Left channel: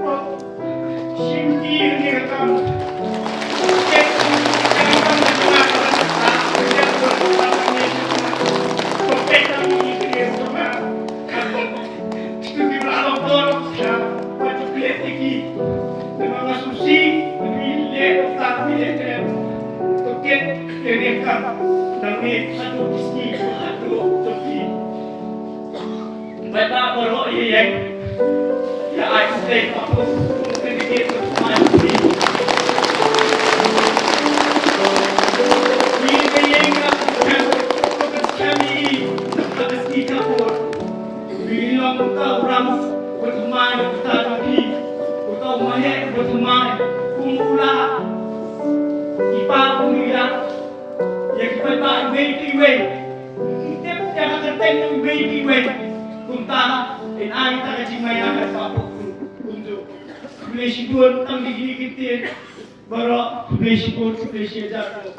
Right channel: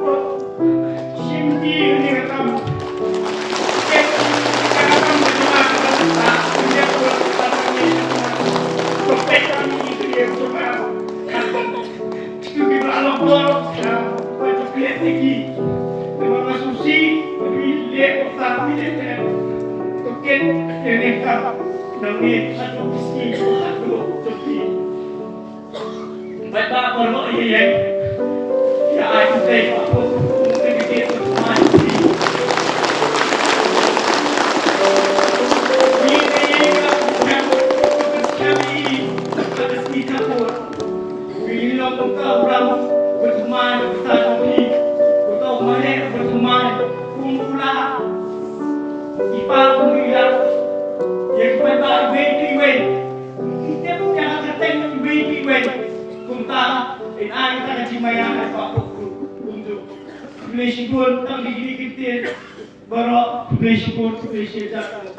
Shimti ni katam. Cek katam ni cuma katam. Punya buat patangnya cuma. Berpegang itu dia cuma. Itu di belakang bolos ya. Baju kulit tinggi. Memang susi. Bilik tapi dia toket kenekam. Nangis aduh miskin aduh tepi. Baik tak perlu ya. Ya aku teh aku sedikit bermati. Ini yang kami ada kita pun. Bilang kau orang bermain bertanding, kau main bermain kumpulan, ipal kumpulan. Yang baik way. Kita jangan keteng way. Kunta in ay ta kajimaya ay papukru untuk relation tang digli kitin baro relation jatuh